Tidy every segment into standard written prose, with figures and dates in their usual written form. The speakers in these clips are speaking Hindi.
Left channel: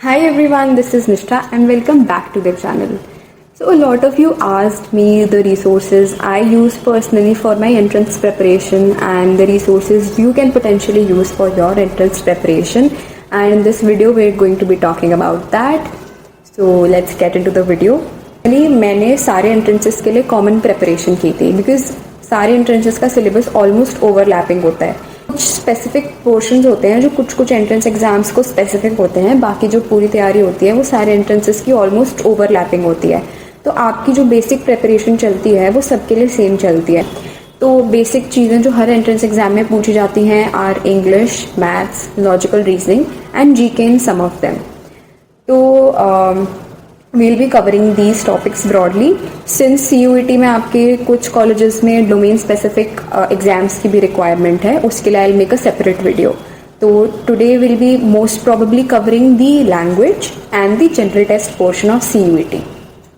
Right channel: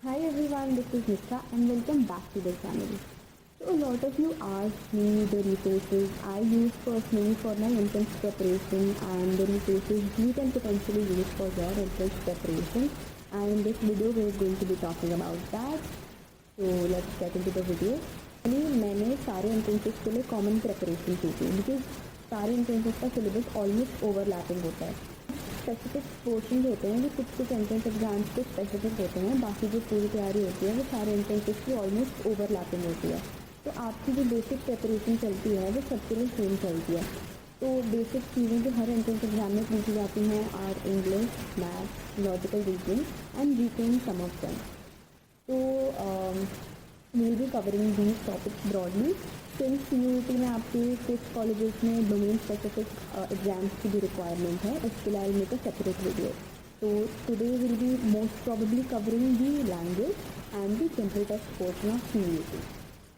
Hi everyone, this is Nishtha and welcome back to the channel. So a lot of you asked me the resources I use personally for my entrance preparation and the resources you can potentially use for your entrance preparation, and in this video we're going to be talking about that. So let's get into the video. मैंने सारे एंट्रेंसेस के लिए कॉमन प्रेपरेशन की थी बिकॉज सारे एंट्रेंसेस का सिलेबस ऑलमोस्ट ओवरलैपिंग होता है. कुछ स्पेसिफिक पोर्शंस होते हैं जो कुछ एंट्रेंस एग्जाम्स को स्पेसिफिक होते हैं, बाकी जो पूरी तैयारी होती है वो सारे एंट्रेंसेस की ऑलमोस्ट ओवरलैपिंग होती है. तो आपकी जो बेसिक प्रेपरेशन चलती है वो सबके लिए सेम चलती है. तो बेसिक चीज़ें जो हर एंट्रेंस एग्जाम में पूछी जाती हैं are English, maths, logical reasoning and GK in some of them. तो we'll be covering these topics broadly. Since CUET में आपके कुछ कॉलेजेस में डोमेन स्पेसिफिक एग्जाम्स की भी रिक्वायरमेंट है, उसके लिए I'll make a separate video. तो today we'll be most probably covering the language and the general test portion of CUET.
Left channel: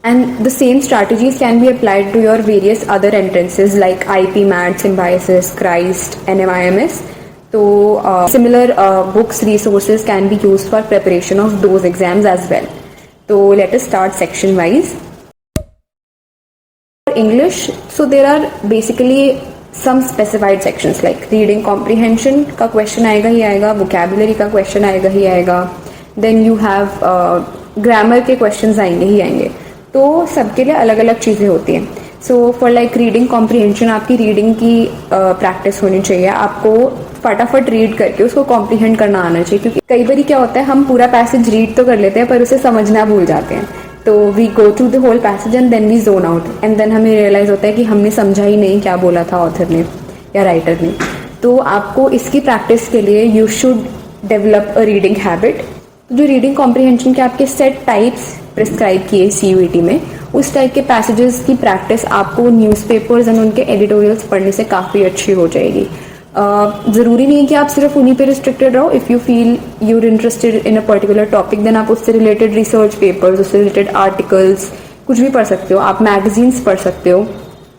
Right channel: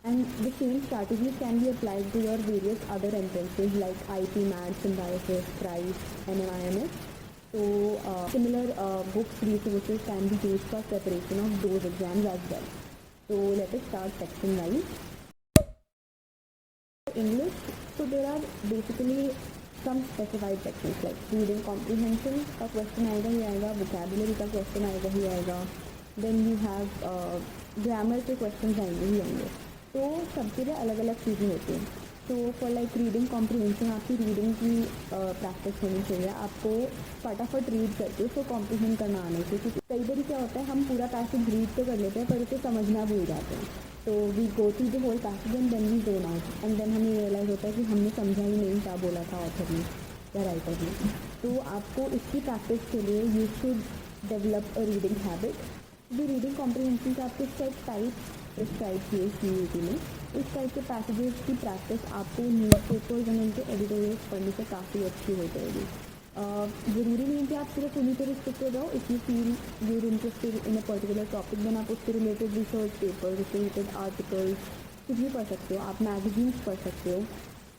And the same strategies can be applied to your various other entrances like IP, MAT, Symbiosis, CHRIST, NMIMS. So similar books, resources can be used for preparation of those exams as well. So let us start section wise. For English, so there are basically some specified sections like reading comprehension का question आएगा ही आएगा, vocabulary का question आएगा ही आएगा, then you have grammar के questions आएंगे ही आएंगे. तो सबके लिए अलग अलग चीज़ें होती हैं. So for like reading comprehension आपकी रीडिंग की प्रैक्टिस होनी चाहिए. आपको फटाफट रीड करके उसको कॉम्प्रीहेंड करना आना चाहिए, क्योंकि कई बार क्या होता है हम पूरा पैसेज रीड तो कर लेते हैं पर उसे समझना भूल जाते हैं. तो we go through the whole passage and then we zone out and then हमें रियलाइज होता है कि हमने समझा ही नहीं क्या बोला था ऑथर ने या राइटर ने. तो आपको इसकी प्रैक्टिस के लिए you should develop a reading habit. जो रीडिंग कॉम्प्रीहेंशन के आपके सेट टाइप्स प्रिस्क्राइब किए CUET में, उस टाइप के पैसेजेस की प्रैक्टिस आपको न्यूज़पेपर्स एंड उनके एडिटोरियल्स पढ़ने से काफ़ी अच्छी हो जाएगी. ज़रूरी नहीं है कि आप सिर्फ उन्हीं पे रिस्ट्रिक्टेड रहो. If you feel you're interested in a particular topic then आप उससे रिलेटेड रिसर्च पेपर्स, उससे रिलेटेड आर्टिकल्स कुछ भी पढ़ सकते हो, आप मैगजीन्स पढ़ सकते हो.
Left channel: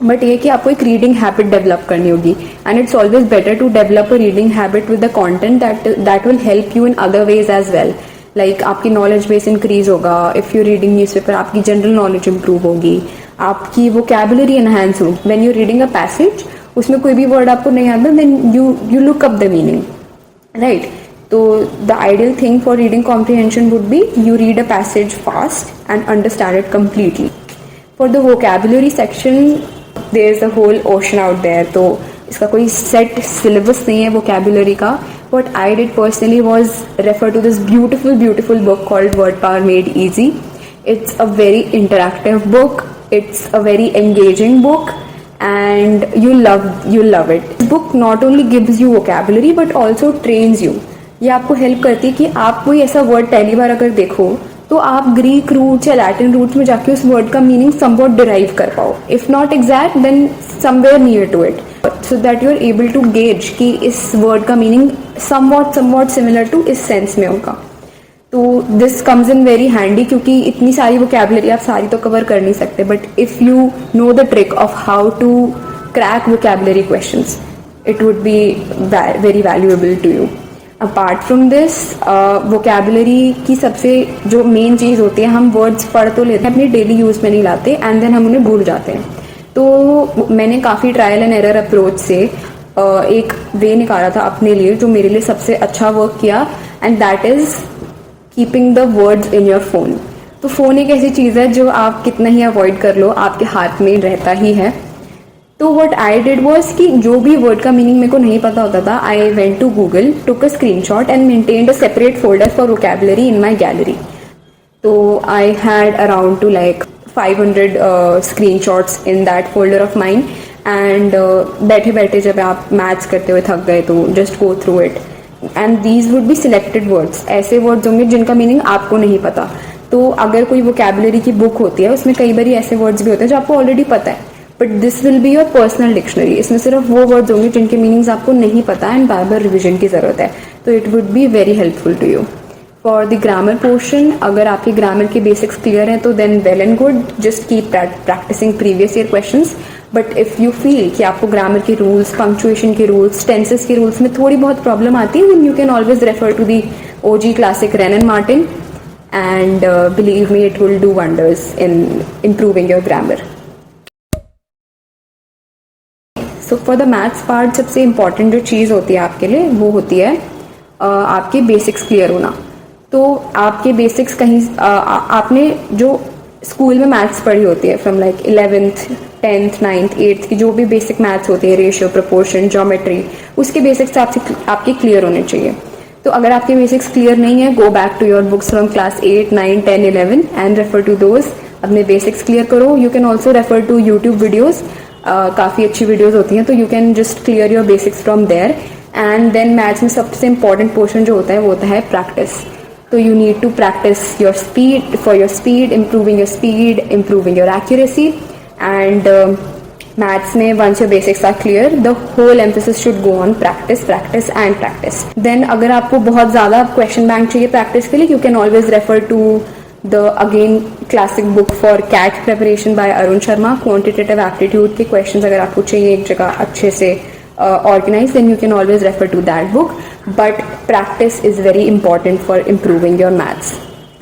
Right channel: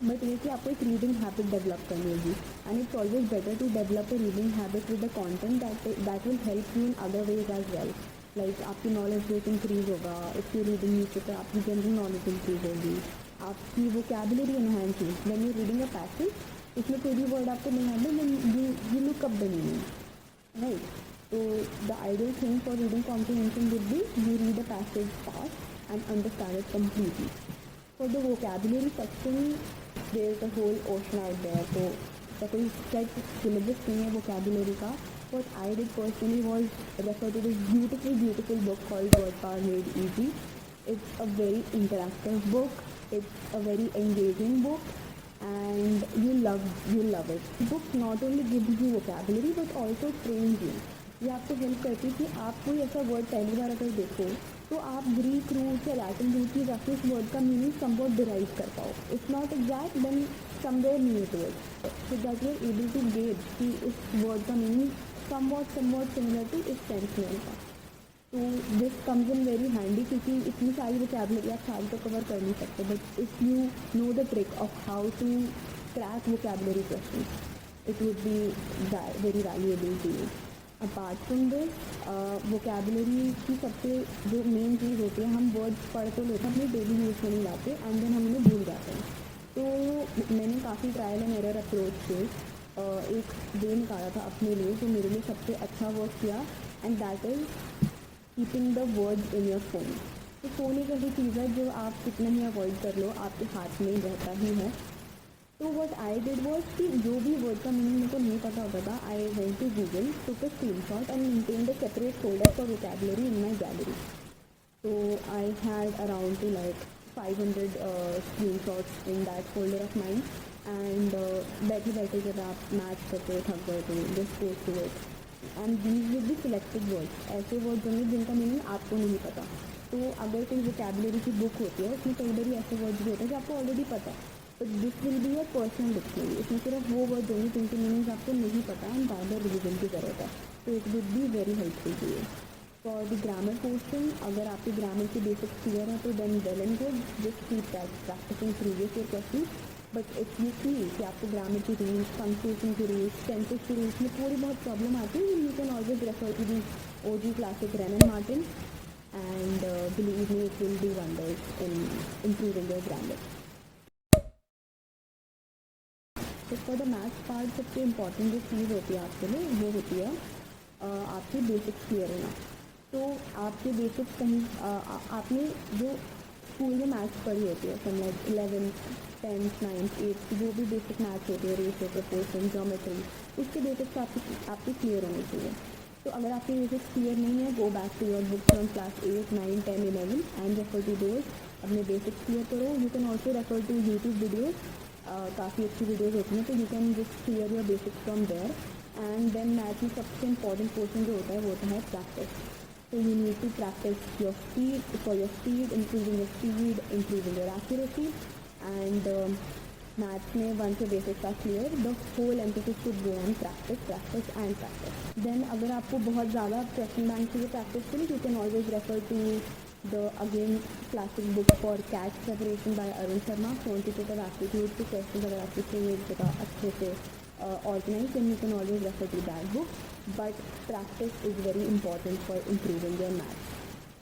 बट ये कि आपको एक रीडिंग हैबिट डेवलप करनी होगी, and it's always better to develop a reading habit with the content that will help you in other ways as well. Like आपकी नॉलेज बेस इंक्रीज होगा. इफ़ यू रीडिंग न्यूज़पेपर आपकी जनरल नॉलेज इंप्रूव होगी, आपकी वोकैबुलरी एनहांस होगी. When you reading a passage, उसमें कोई भी वर्ड आपको नहीं आता then you look up the meaning, right. तो the ideal thing for reading comprehension would be you read a passage fast and understand it completely. For the vocabulary section there is a whole ocean out there. तो इसका कोई सेट सिलेबस नहीं है वोकैबुलरी का. What I did personally was refer to this beautiful book called Word Power Made Easy. It's a very interactive book. It's a very engaging book, and you'll love it. This book not only gives you vocabulary but also trains you. ये आपको हेल्प करती है कि आप कोई ऐसा वर्ड पहली बार अगर देखो तो आप ग्रीक रूट्स या लैटिन रूट्स में जाके उस वर्ड का मीनिंग समवॉट डिराइव कर पाओ. If not exact then somewhere near to it, so that you are able to gauge कि इस वर्ड का मीनिंग समवॉट सिमिलर टू इस सेंस में होगा. तो this comes in very handy, क्योंकि इतनी सारी वोकैबुलरी आप सारी तो कवर कर नहीं सकते. But if you know the trick of how to crack vocabulary questions, it would be very valuable to you. Apart from this, vocabulary की सबसे जो मेन चीज़ होती है, हम वर्ड्स पढ़ तो लेते हैं, अपने डेली यूज़ में नहीं लाते एंड देन हम उन्हें भूल जाते हैं. तो मैंने काफ़ी ट्रायल एंड एरर अप्रोच से एक वे निकाला था अपने लिए जो मेरे लिए सबसे अच्छा वर्क किया, and that is keeping the words in your phone. तो फ़ोन एक ऐसी चीज़ है जो आप कितना ही अवॉइड कर लो आपके हाथ में रहता ही है. तो व्हाट आई डिड वाज कि जो भी वर्ड का मीनिंग मेरे को नहीं पता होता था, I went to Google, took a screenshot and maintained a separate folder for vocabulary in my gallery. तो I had around to like 500 screenshots in that folder of mine, and बैठे बैठे जब आप मैथ्स करते हुए थक गए तो just go through it, and these would be selected words. ऐसे वर्ड्स होंगे जिनका मीनिंग आपको नहीं पता. तो अगर कोई वोकैबुलरी की बुक होती है उसमें कई बार ऐसे वर्ड्स भी होते हैं जो आपको ऑलरेडी पता है, but this will be your personal dictionary. इसमें सिर्फ वो वर्ड्स होंगे जिनके मीनिंग्स आपको नहीं पता एंड बार बार रिविजन की ज़रूरत है. तो it would be very helpful to you. For the grammar portion, अगर आपकी ग्रामर के बेसिक्स क्लियर हैं तो then well and good, just keep practising previous year questions. But if you feel कि आपको ग्रामर के रूल्स, पंक्चुएशन के रूल्स, टेंसेस के रूल्स में थोड़ी बहुत प्रॉब्लम आती है, then you can always refer to the OG classic Wren and Martin. and believe me, it will do wonders in improving your grammar. So for the maths part, सबसे important जो चीज़ होती है आपके लिए वो होती है आपके बेसिक्स क्लियर होना. तो आपके बेसिक्स कहीं आपने जो स्कूल में मैथ्स पढ़ी होती है from like 11th 10th 9th 8th की जो भी बेसिक मैथ्स होती है, रेशियो, प्रोपोर्शन, ज्योमेट्री, उसके बेसिक्स आपके क्लियर होने चाहिए. तो अगर आपके बेसिक्स क्लियर नहीं है, go back to your books from class 8 9 10 11 and refer to those. अपने बेसिक्स क्लियर करो. You can also refer to YouTube videos. काफ़ी अच्छी वीडियोज़ होती हैं, तो you can just clear your basics from there. And then maths में सबसे इंपॉर्टेंट पोर्शन जो होता है वो होता है practice. So you need to practice your speed, improving your speed, improving your accuracy, and maths mein once your basics are clear, the whole emphasis should go on practice and practice. Then अगर आपको बहुत ज़्यादा question bank चाहिए practice के लिए, you can always refer to the again classic book for CAT preparation by Arun Sharma. Quantitative aptitude के questions अगर आपको चाहिए एक जगह अच्छे से organized, then you can always refer to that book. But practice is very important for improving your maths.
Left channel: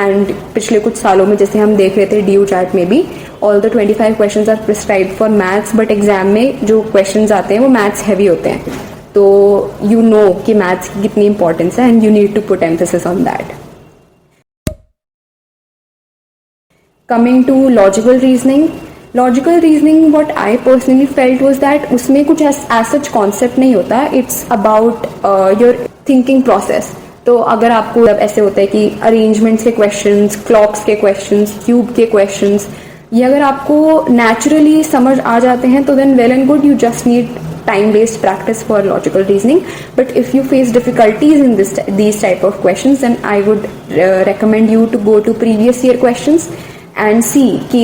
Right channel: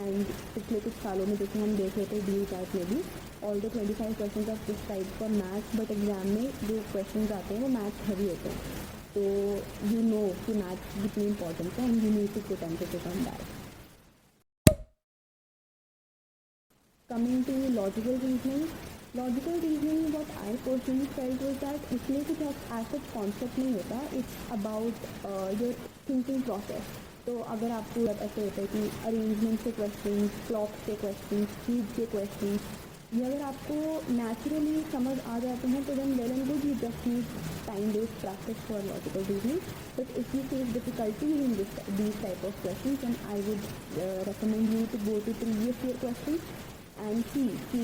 And पिछले कुछ सालों में जैसे हम देख रहे थे DU चार्ट में भी all the 25 questions are prescribed for maths, but exam में जो questions आते हैं वो maths heavy होते हैं. तो you know कि maths की कितनी importance है and you need to put emphasis on that. Coming to logical reasoning, what I personally felt was that उसमें कुछ as such concept नहीं होता. It's about your thinking process. तो अगर आपको ऐसे होता है कि arrangements के questions, clocks के questions, cube के questions, ये अगर आपको naturally समझ आ जाते हैं तो then well and good, you just need time-based practice for logical reasoning. But if you face difficulties in these type of questions, then I would recommend you to go to previous year questions and see कि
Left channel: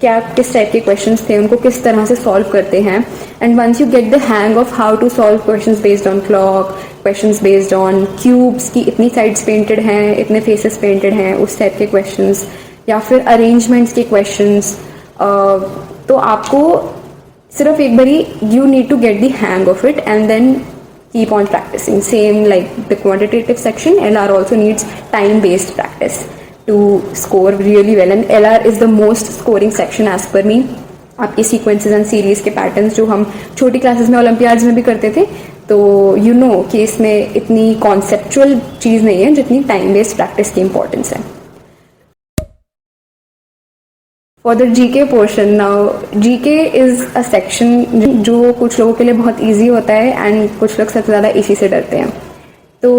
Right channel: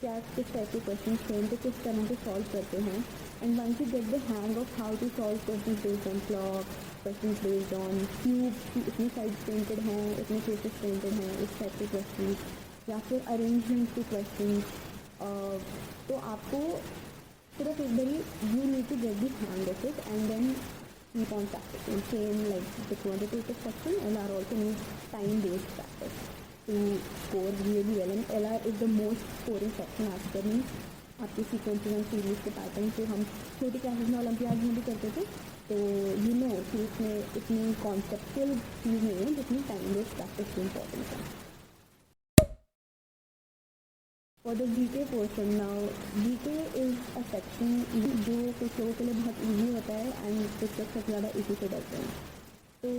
क्या किस टाइप के क्वेश्चंस थे, उनको किस तरह से सॉल्व करते हैं. And once you get the hang of how to solve questions based on clock, questions based on cubes की इतनी साइड्स पेंटेड हैं, इतने फेसेस पेंटेड हैं, उस टाइप के क्वेश्चंस, या फिर अरेंजमेंट्स के क्वेश्चंस, तो आपको सिर्फ एक बारी you need to get the hang of it and then keep on practising. Same like the quantitative section, LR also needs time based practice to score really well, and LR is the most scoring section as per me. आपके sequences and series के patterns जो हम छोटी classes में Olympiads में भी करते थे, तो you know कि इसमें इतनी conceptual चीज़ नहीं है जितनी time based practice की importance है. For the GK portion, now GK is a section जो कुछ लोगों के लिए बहुत easy होता है and कुछ लोग सबसे ज़्यादा इसी से डरते हैं. तो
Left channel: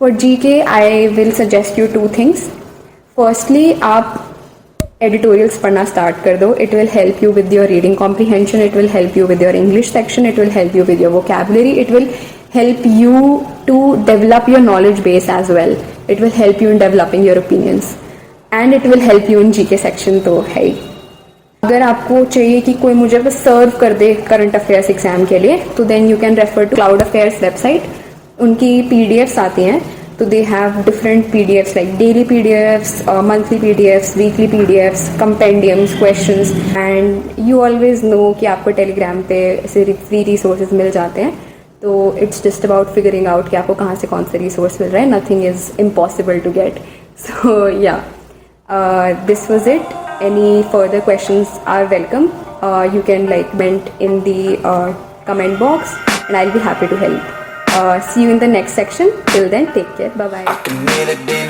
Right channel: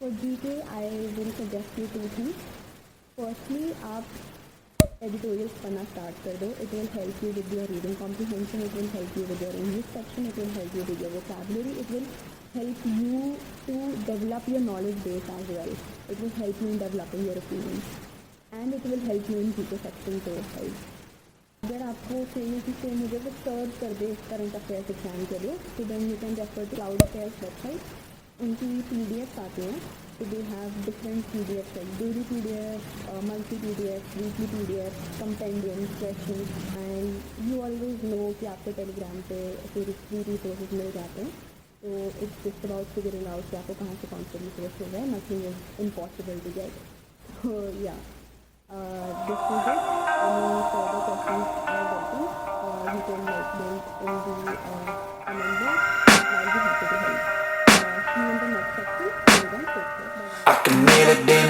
For GK, I will suggest you two things. Firstly, आप editorials पढ़ना start कर दो. It will help you with your reading comprehension. It will help you with your English section. It will help you with your vocabulary. It will help you to develop your knowledge base as well. It will help you in developing your opinions. And it will help you in GK section तो है ही. अगर आपको चाहिए कि कोई मुझे बस सर्व कर दे करंट अफेयर्स एग्जाम के लिए, तो then you can refer to cloud affairs website. उनकी PDFs आती हैं, तो they have different PDFs like daily PDFs, monthly PDFs, weekly PDFs, compendiums, questions, and you always know कि आपको टेलीग्राम पे ऐसे फ्री रिसोर्सेज मिल जाते हैं. तो it's just about figuring out कि आपको कहाँ से कौन सा रिसोर्स मिल रहा है. Nothing is impossible to get. So yeah this was it. Any further questions are welcome. You can like comment in the comment box and I'll be happy to help. See you in the next section. Till then, take care. Bye bye.